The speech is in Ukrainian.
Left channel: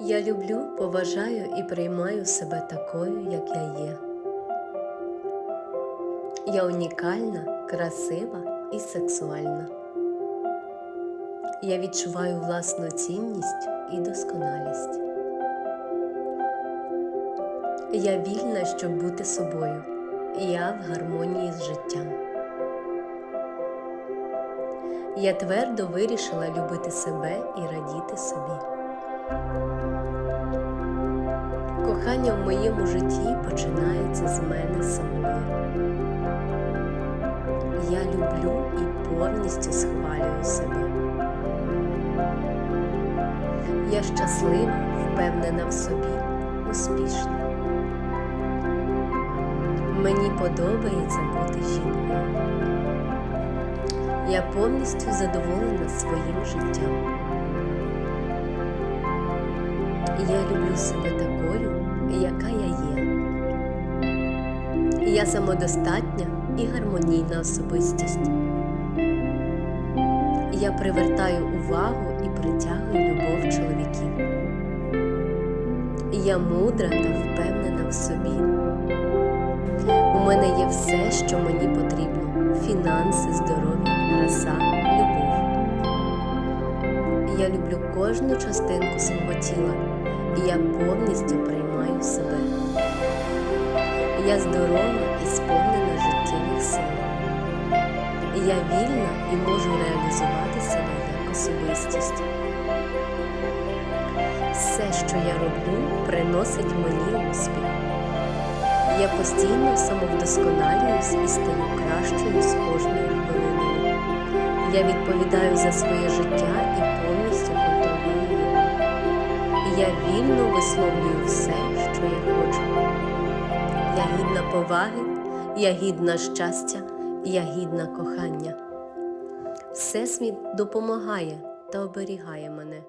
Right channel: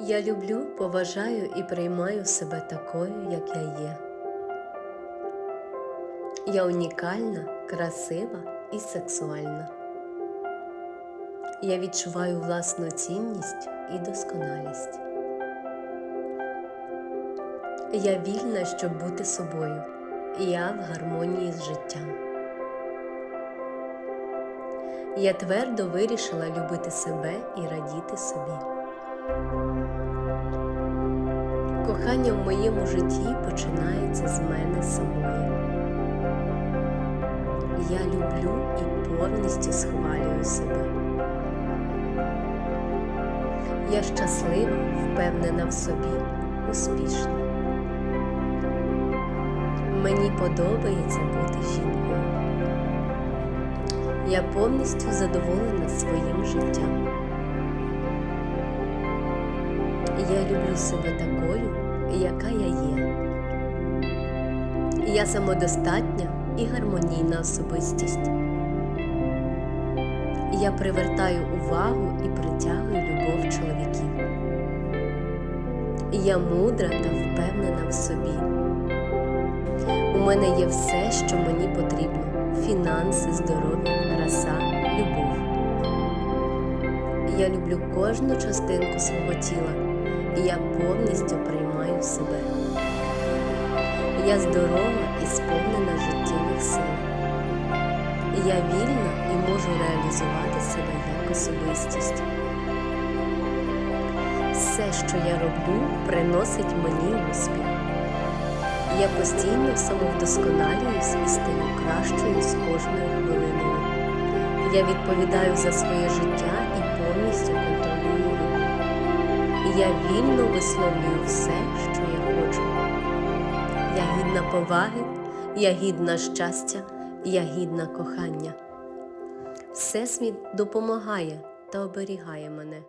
Я люблю, поважаю і приймаю себе такою, як я є. Я унікальна, красива і сексуальна. Я відчуваю власну цінність і досконалість. Я вільна, щоб бути собою. Я в гармонії з життям. Я твердо вирішила любити себе і радіти собі. Кохання в моєму житті починається з мене самої. Я люблю і повністю схвалюю себе. Я щаслива, впевнена в собі, успішна. Мені подобається бути жінкою. Я повністю задоволена своїм життям. Я люблю себе такою, яка я є. Я самодостатня і гармонійна особистість. Я привертаю увагу і притягую любов чоловіків. Я мудра та впевнена в собі. У мене є все, що мені потрібно: фінанси, здоров'я, краса, любов. Я люблю кожну частинку свого тіла, і я повністю приймаю себе. Я здорова і сповнена життєвих сил. Я вільна і можу реалізувати себе як особистість. Все, що я роблю, приносить мені успіх. Я постійно самовдосконалююсь і стаю кращою з кожною хвилиною. Я відповідаю за своє життя і повністю контролюю. Я вільно висловлюю все, що я хочу. Я гідна поваги, я гідна щастя, я гідна кохання. Всесвіт допомагає та оберігає мене.